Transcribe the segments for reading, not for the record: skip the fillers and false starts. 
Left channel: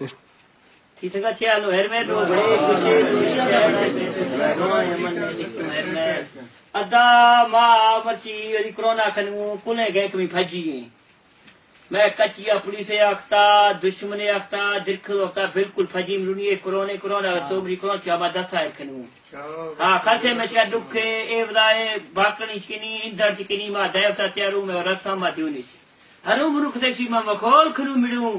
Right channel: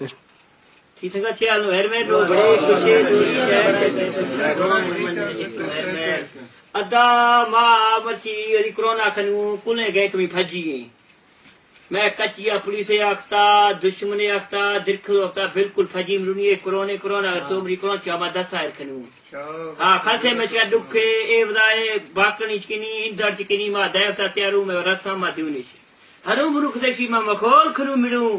थी सका ख्याल हेर में दो बड़े कुछे अदा मां मची कोरोना खनू पुणे गए कमी भजी गई मैं कचिया पुलिस आखता दुश्मन आखता दिरखल होता बिल्कुल फजी मरूनी कोरोना तो मरी कोरोना क्या मैं 10 आयर खनू हाँ खासे में क्या दुख ए बदाए बाकनी चिकनी इंदर चिकनी मां देव सत्यारू में रसा मा दिउनी हनु मुरुख देखी मां मखोल खनु मिडू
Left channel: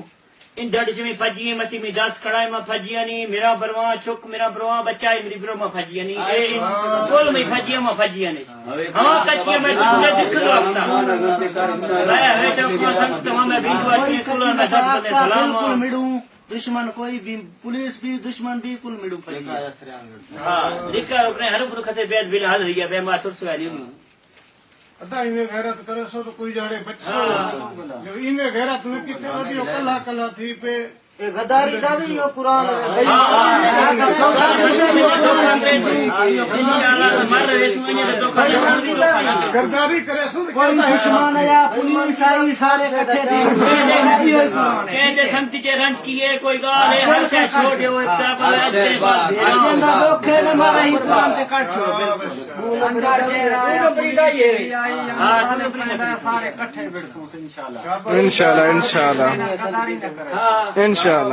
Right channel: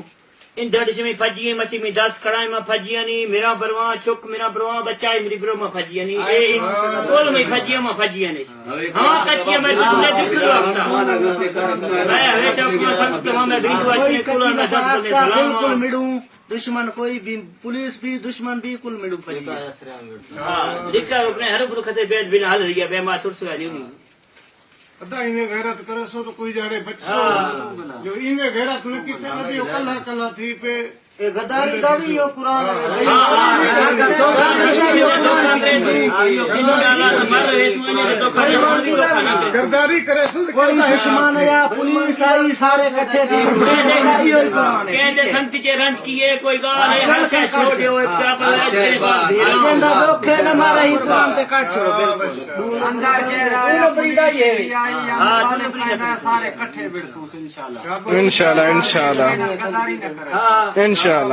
इन दर्द में फजी मची में 10 कड़ाई में फजी नहीं मेरा बरवा चुक मेरा बरवा बच्चा मेरी बरो में फजी नहीं ए बोल में फजी नहीं हां कचिया में दूसरे दिखलो आता मैं है तो तमाम में वीडियो अच्छे कुल में दर्द ने सलाम कुल मिडू दुश्मन कोई भी पुलिस भी दुश्मन भी कुल मिडू फजी हां लिखा अपने हर गुरु खते बेद बिन हाल दिया बेमा तुरसगा नहीं अदा इन्हें गैरत करे सो तो कोई जाड़े बच्चो जो इन्हें गैरत न किते वदी कला कला थी पे ए गद्दारी दा भी यो कुरान गद्दारी करे सो कोई दुश्मन या पुलिस आई सारे इकट्ठे कहते संति के रंग किए कोई गाल है हर से छोड़े हुए क्या पर हमारा ही काम ते काट छोड़ो बिल्कुल अंदर के बंदा ये हां सारे इकट्ठे बिड़सू इंशाल्लाह इंशाल्लाह गद्दारी न करे इंशाल्लाह